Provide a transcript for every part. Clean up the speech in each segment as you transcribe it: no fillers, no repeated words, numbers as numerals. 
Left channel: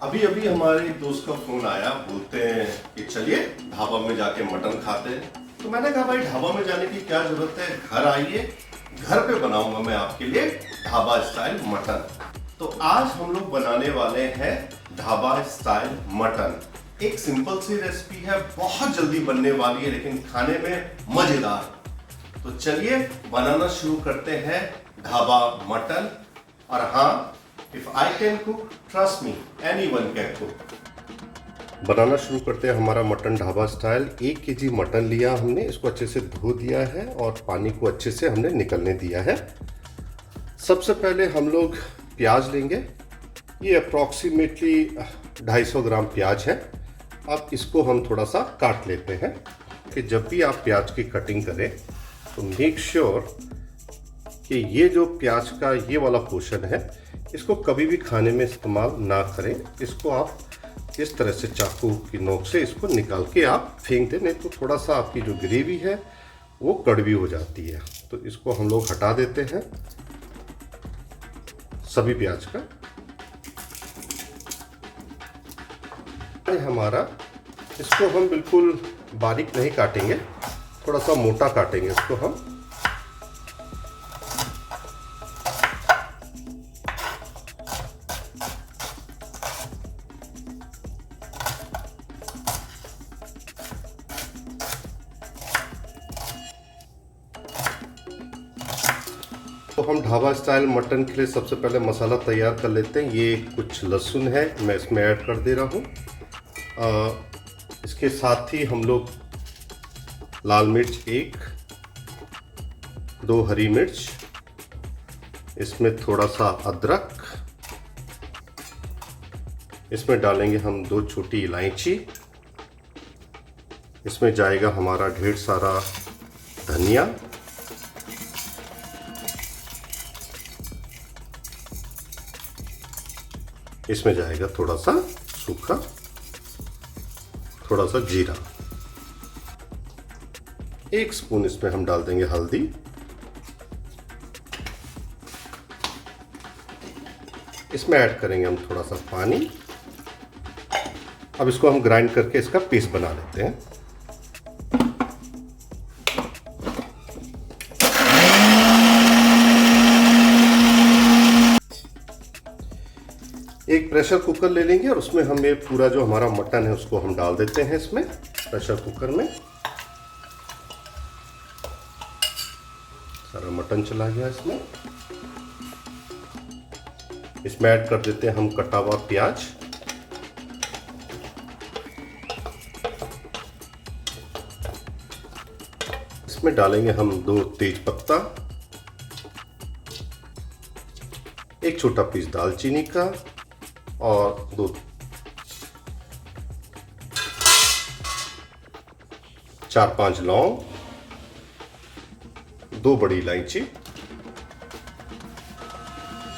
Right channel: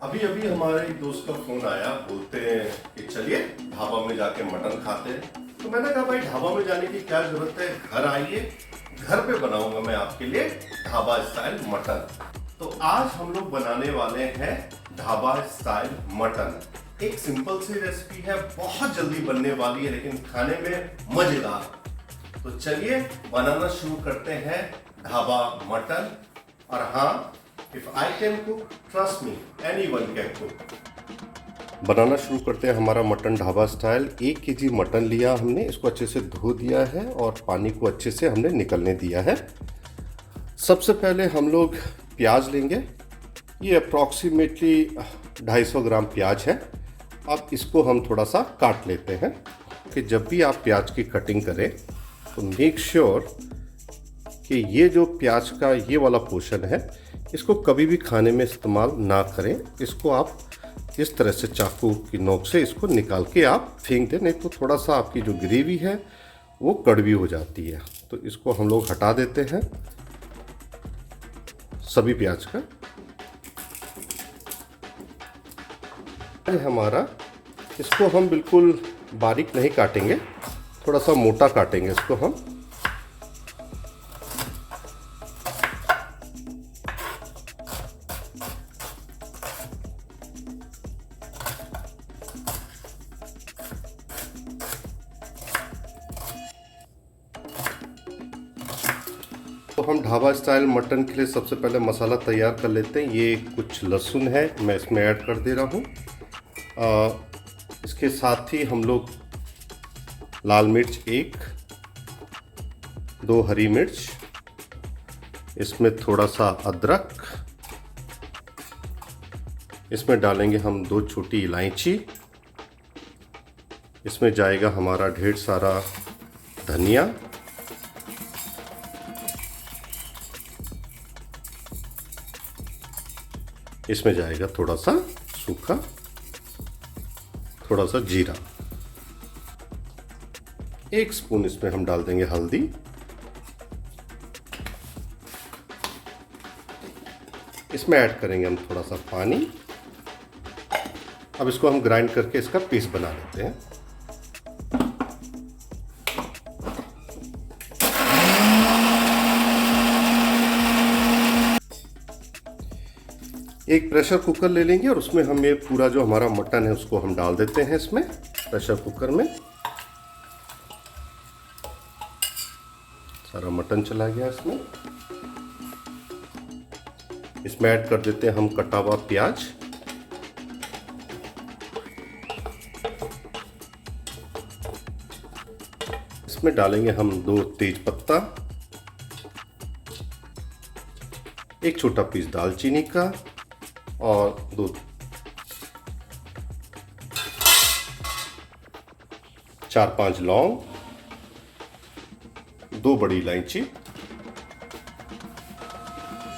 अभी अभी हमारे एक दोस्त का फोन आया, बोलते हैं कि चलिए ढाबा में जाके मटन खाते हैं। तो मैंने कहा भाई ढाबा में जाने की क्या जरूरत है, घर आइए, घर पे बनाऊंगा मैं आपके लिए ढाबा स्टाइल मटन। तो आज हम लोग बनाने वाले हैं ढाबा स्टाइल मटन। एक सिंपल सी रेसिपी है, बहुत जल्दी बनने वाली है लेकिन खाने में मजेदार। तो चलिए बनाना शुरू करते हैं ढाबा मटन। और हाँ, if I can cook, trust me, anyone can cook. बनाना शुरू करते हैं हमारा mutton dhaba style. 1 KG mutton लिया हमने, इसको अच्छे से धो दिया है और पानी को अच्छे से हमने निकलने दिया है। सबसे पहले हम लोग प्याज लेंगे। ये अप्रॉक्सीमेटली 250 ग्राम प्याज है। अब इसको हम थोड़ा सा काट लेते हैं कि जब भी आप प्याज की कटिंग करें तो मेक श्योर कि ये जो प्याज का ये वाला पोर्शन है इसको कभी भी खाने में इस्तेमाल ना करें। इसको आप इस तरह से चाकू की नोक से इसको निकाल के आप फेंक दें, नहीं तो थोड़ा सा आपकी जो ग्रेवी है वो कड़वी हो जाती है। तो इसको हम लोग हटा देते हैं सभी प्याज का। हमारा इसको हम बिल्कुल बारीक नहीं काटेंगे, थोड़ा सा मोटा काटेंगे इसको हम। तो हम ढाबा स्टाइल मटन के लिए सबसे पहले मसाला तैयार कर लेते हैं। ये कुछ लहसुन है, मैं इसमें ऐड कर दे रहा हूँ। इसके साथ ही हम लोग लाल मिर्च 1, 2 हरी मिर्च, इसमें थोड़ा सा अदरक, इसमें डालेंगे हम 2 छोटी इलायची, इसमें जाएगा हमारा ढेर सारा धनिया, इसमें जाएगा थोड़ा सा सूखा, थोड़ा सा जीरा, 1 स्पून इसमें हम डाल देंगे हल्दी, इसमें ऐड करेंगे हम थोड़ा सा पानी। अब इसको हम ग्राइंड करके इसका पेस्ट बना लेते हैं। एक प्रेशर कुकर ले लेंगे और उसमें हम ये पूरा जो हमारा मटन है उसको हम डाल देते हैं इसमें प्रेशर कुकर में। सारा मटन चला गया इसमें। इसमें ऐड कर देते हैं हम कटा हुआ प्याज, इसमें डालेंगे हम 2 तेज पत्ता, 1 छोटा पीस दालचीनी का और 4-5 लौंग, 2 बड़ी इलायची,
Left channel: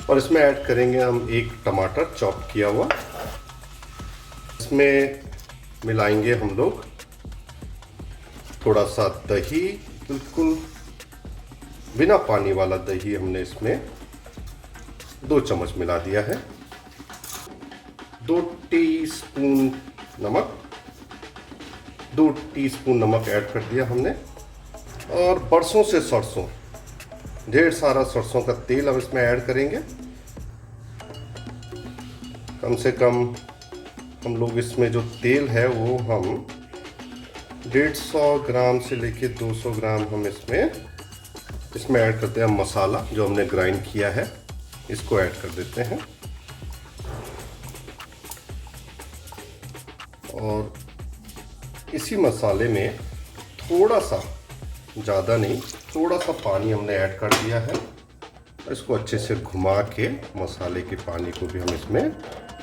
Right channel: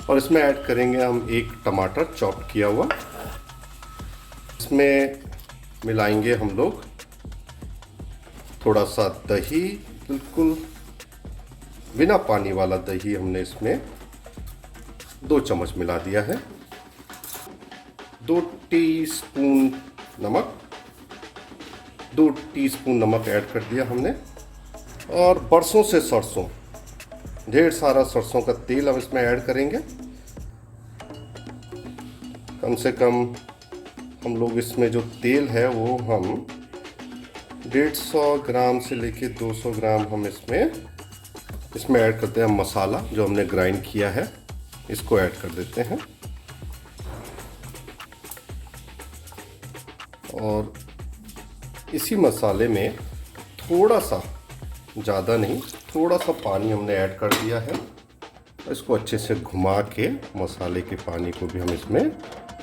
और इसमें ऐड करेंगे हम 1 टमाटर चॉप किया हुआ। इसमें मिलाएंगे हम लोग थोड़ा सा दही, बिल्कुल बिना पानी वाला दही हमने इसमें 2 चम्मच मिला दिया है। 2 टीस्पून नमक, 2 टीस्पून नमक ऐड कर दिया हमने। और बरसों से सरसों, ढेर सारा सरसों का तेल अब इसमें ऐड करेंगे। कम से कम हम लोग इसमें जो तेल है वो हम 150 ग्राम से लेके 200 ग्राम हम इसमें ऐड करते हैं। मसाला जो हमने ग्राइंड किया है इसको ऐड कर देते हैं और इसी मसाले में थोड़ा सा, ज़्यादा नहीं, थोड़ा सा पानी हमने ऐड कर दिया है। इसको अच्छे से घुमा के मसाले के पानी को भी हम इसमें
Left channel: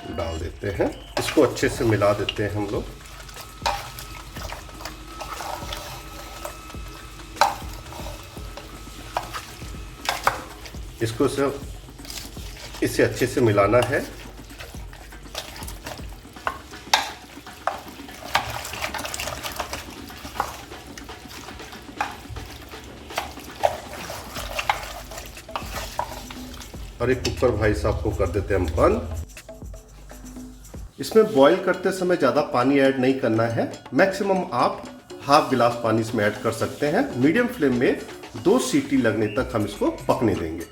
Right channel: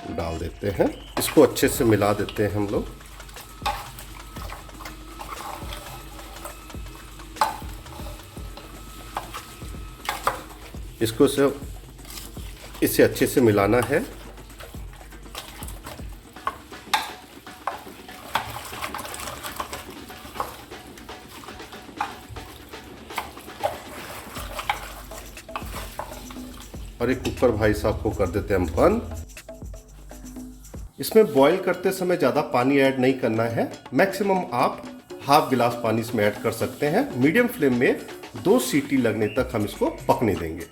डाल देते हैं। इसको अच्छे से मिला देते हैं हम लोग। इसको इसे अच्छे से मिलाना है। और एक कुकर भाई साहब को कर देते हैं हम बंद। इसमें बॉईल करते समय ज़्यादा पानी ऐड नहीं करना है, मैक्सिमम आप हाफ गिलास पानी इसमें ऐड कर सकते हैं। मीडियम फ्लेम में 2 सीटी लगने तक हम इसको पकने देंगे।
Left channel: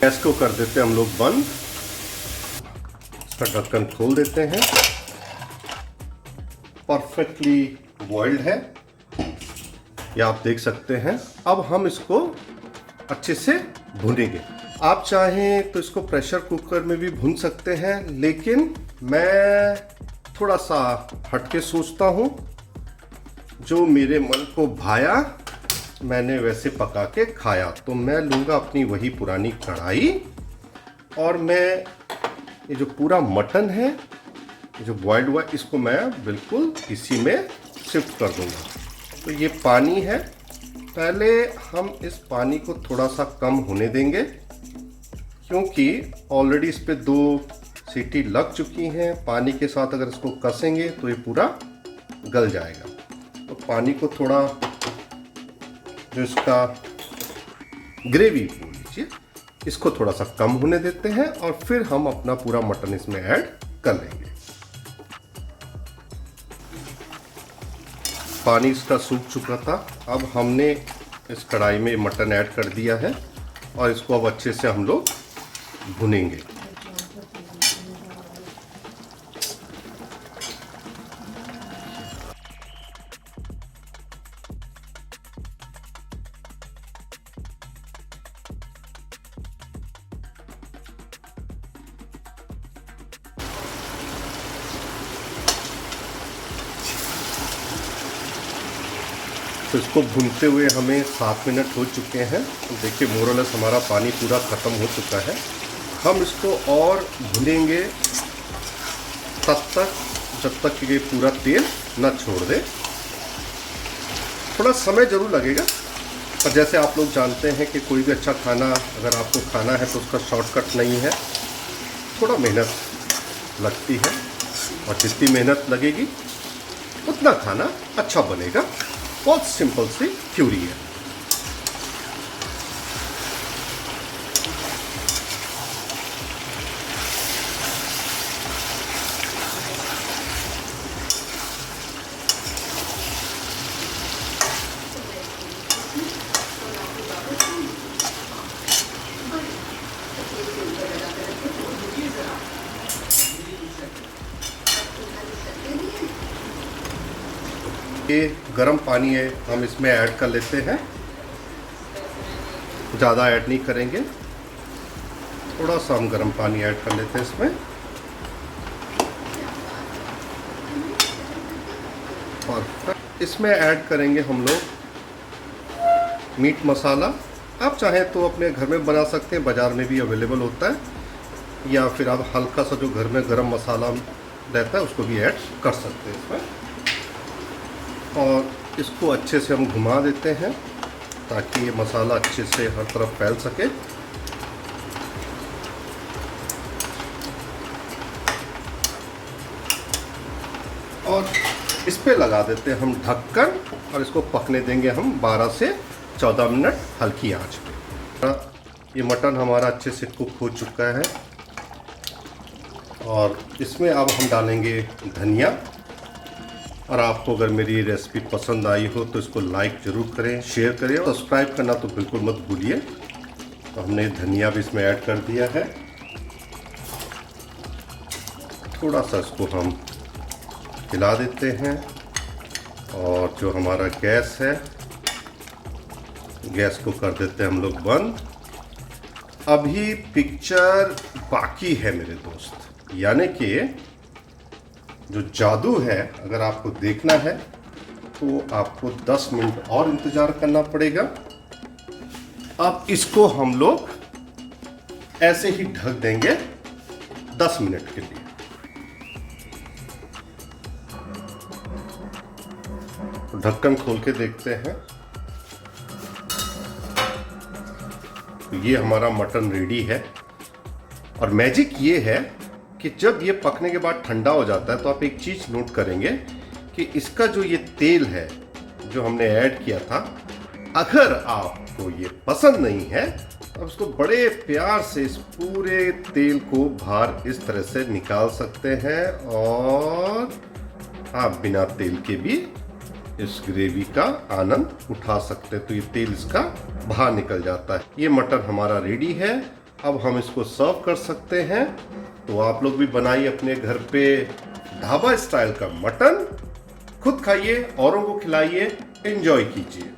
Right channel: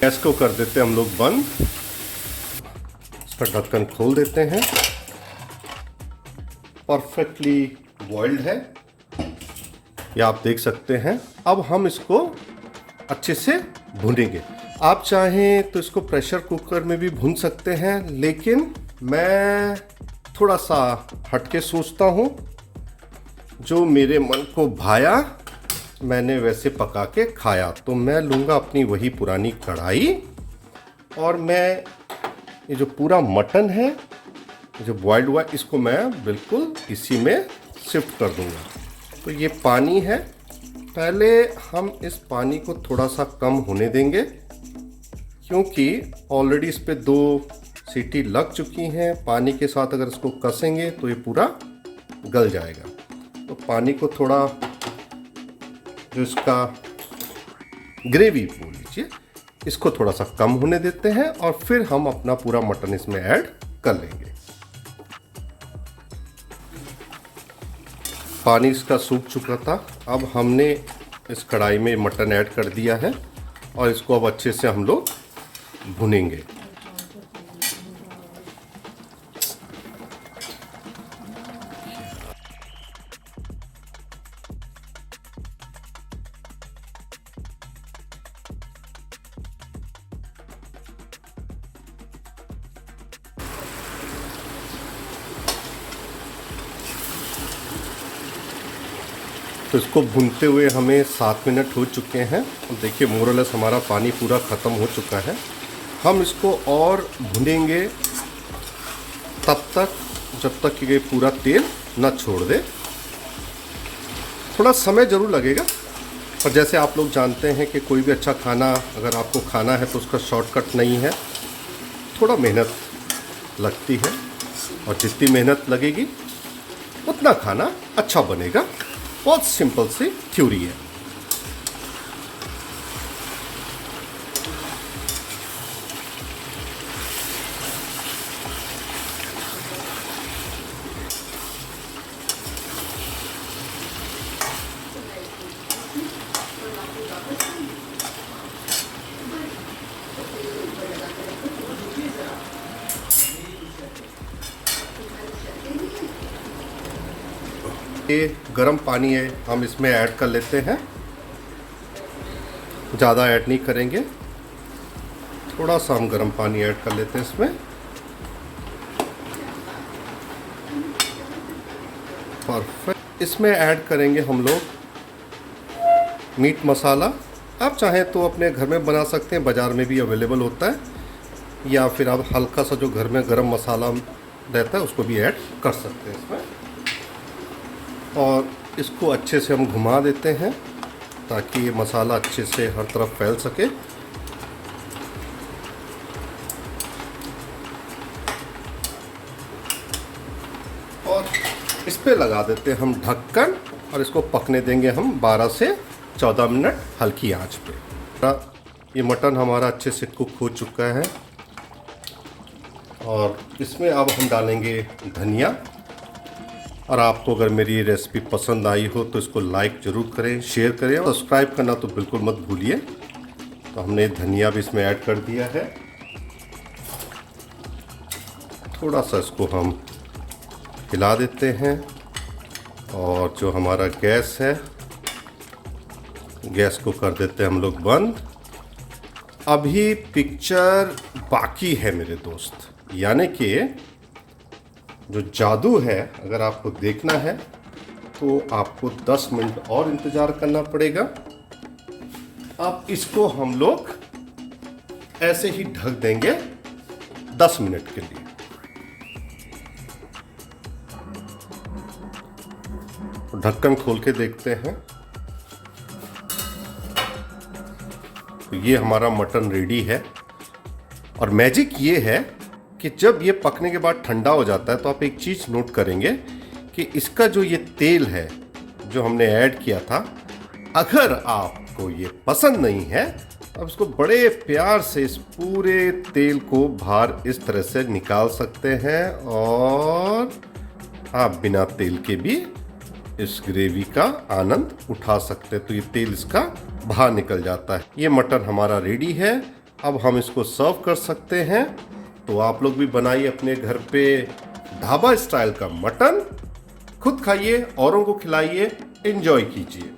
गैस को कर देते हैं हम लोग बंद, इसका ढक्कन खोल देते हैं। परफेक्टली बॉइल्ड है, ये आप देख सकते हैं। अब हम इसको अच्छे से भूनेंगे। आप चाहें तो इसको प्रेशर कुकर में भी भून सकते हैं, लेकिन मैं थोड़ा सा हटके सोचता हूँ। जो मेरे मन को भाया मैंने वैसे पका के खाया, तो मैं लूँगा अपनी वही पुरानी कढ़ाई और मैं ये जो पूरा मटन है जो बॉइल्ड हुआ, इसको मैं बिल्कुल इसी में शिफ्ट कर दूँगा। तो ये पानी है, पहले हम इस पानी को थोड़ा सा कम होने देंगे, क्योंकि ऑलरेडी इस पे 2 सीटी लग चुकी हैं। पानी के साथ अगर इसको कसेंगे तो ये पूरा गल जाएगा। तो पानी को थोड़ा, जो इसका ग्रेवी बोल लीजिए, इसको थोड़ा सा कम होने देते हैं और फिर हम अपना पूरा मटन इसमें ऐड कर लेंगे। पानी इसका सूख चुका था, अब हमने इस कढ़ाई में मटन ऐड कर दिया है और इसको अब अच्छे से हम लोग भुनेंगे। तो इसको भूनते हुए हमें 7 मिनट हो चुके हैं। देखिए मोरलेस हमारा पानी पूरा ख़त्म हो चुका है। हम इसको और भुनेंगे तब तक जब तक कि ये पूरा तेल न छोड़ दे। थोड़ा समय ज़रूर लगेगा, पर जैसे आप लोग जानते हैं कि कोई भी अच्छा खाना अगर आपको खाना है तो उसका शॉर्टकट नहीं है, थोड़ा मेहनत लगती है और जितनी मेहनत लगेगी उतना खाना अच्छा बनेगा। बहुत सिंपल सी थ्योरी है। ये गर्म पानी है, हम इसमें ऐड कर लेते हैं। ज़्यादा ऐड नहीं करेंगे, थोड़ा सा हम गर्म पानी ऐड कर लेते हैं इसमें। और फिर इसमें ऐड करेंगे हम लोग मीट मसाला। आप चाहें तो अपने घर में बना सकते हैं, बाज़ार में भी अवेलेबल होता है, या फिर आप हल्का सा जो घर में गरम मसाला रहता है उसको भी ऐड कर सकते हैं इसमें। और इसको अच्छे से हम घुमा देते हैं ताकि ये मसाला अच्छे से हर तरफ फैल सके। और इस पे लगा देते हैं हम ढक्कन और इसको पकने देंगे हम 12 से 14 मिनट हल्की आंच पे। ये मटन हमारा अच्छे से कुक हो चुका है और इसमें अब हम डालेंगे धनिया। और आपको अगर मेरी रेसिपी पसंद आई हो तो इसको लाइक ज़रूर करें, शेयर करें, सब्सक्राइब करना तो बिल्कुल मत भूलिए। तो हमने धनिया भी इसमें ऐड कर दिया है। थोड़ा सा इसको हम हिला देते हैं और जो हमारा गैस है, गैस को कर देते हैं हम लोग बंद। अभी पिक्चर बाकी है मेरे दोस्त, यानी कि जो जादू है अगर आपको देखना है तो आपको 10 मिनट और इंतज़ार करना पड़ेगा। अब इसको हम लोग ऐसे ही ढक देंगे 10 मिनट के लिए। ढक्कन खोल के देखते हैं तो ये हमारा मटन रेडी है। और मैजिक ये है कि जब ये पकने के बाद ठंडा हो जाता है तो आप एक चीज़ नोट करेंगे कि इसका जो ये तेल है जो हमने ऐड किया था, अगर आपको ये पसंद नहीं है अब इसको बड़े प्यार से इस पूरे तेल को बाहर इस तरह से निकाल सकते हैं और आप बिना तेल के भी इस ग्रेवी का आनंद उठा सकते हैं। तो ये तेल इसका बाहर निकल जाता है। ये मटन हमारा रेडी है। अब हम इसको सर्व कर सकते हैं। तो आप लोग भी बनाइए अपने घर पे ढाबा स्टाइल का मटन, खुद खाइए, औरों को खिलाइए, एंजॉय कीजिए।